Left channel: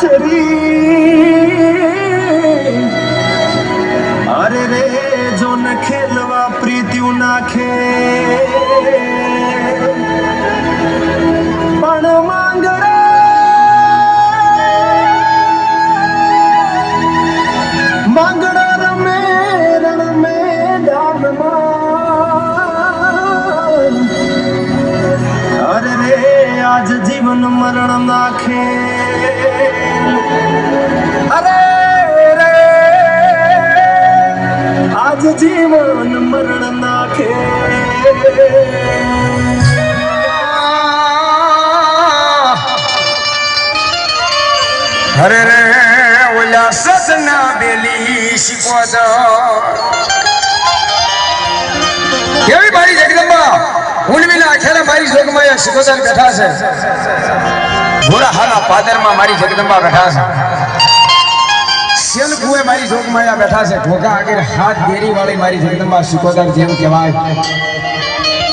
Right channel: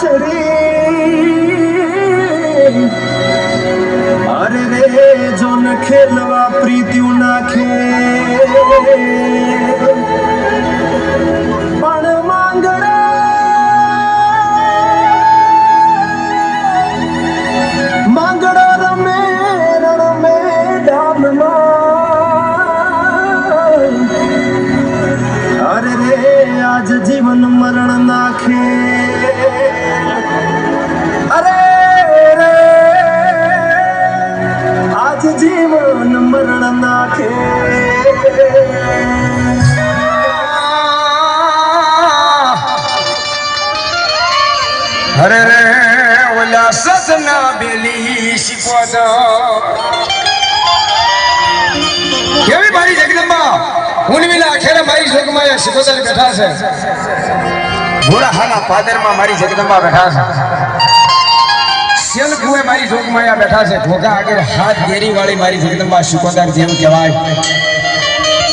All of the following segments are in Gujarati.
ચડી અરે રે જો ન ખેલવા પ્રીત્યું નાખે પણ માંગડા રમે રમે ડાબમાં અરે રે આજ જીવન મરણ નાખે જીવન મરણ નાખે અરે રે ઓલા સસના બેલી શીખવા કેવી મારી જગદંબા ઉણવીના આખેરા મારી જોગમાં શીખોદાર બેઠા છે ભોળા હાના પાદરમાં મારી જગદંબા બેઠા છે કુએ મારી જોગમાયા બેઠા છે ઘોઘા આગળ હાથ ગેરી વાળી મારી જગદંબા શિકોદાર જેમ કહેવાય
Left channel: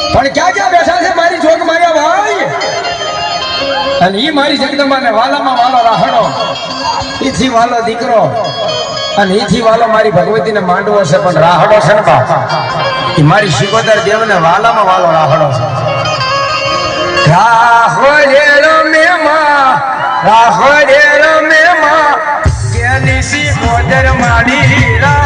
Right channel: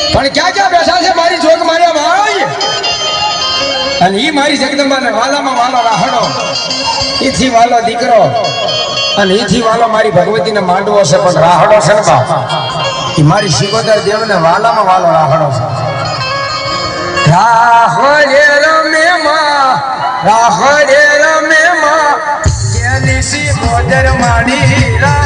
પણ ક્યાં ક્યાં બેઠા છે મારી જોગમાયા ભાઈ અને ઈ મારી જગદંબાને વાલામાં વાલો રાહડો ઈથી વાલો દીકરો અને ઈથી વાલો મારી ભગવતીને માંડવો છે પણ રાહડો છે ને બા ઈ મારી શિકોદાર દેવને વાલામાં વાલો રાહડો છે રાહડેરો મેમાં રાહડેરો મેમાં Goder Maria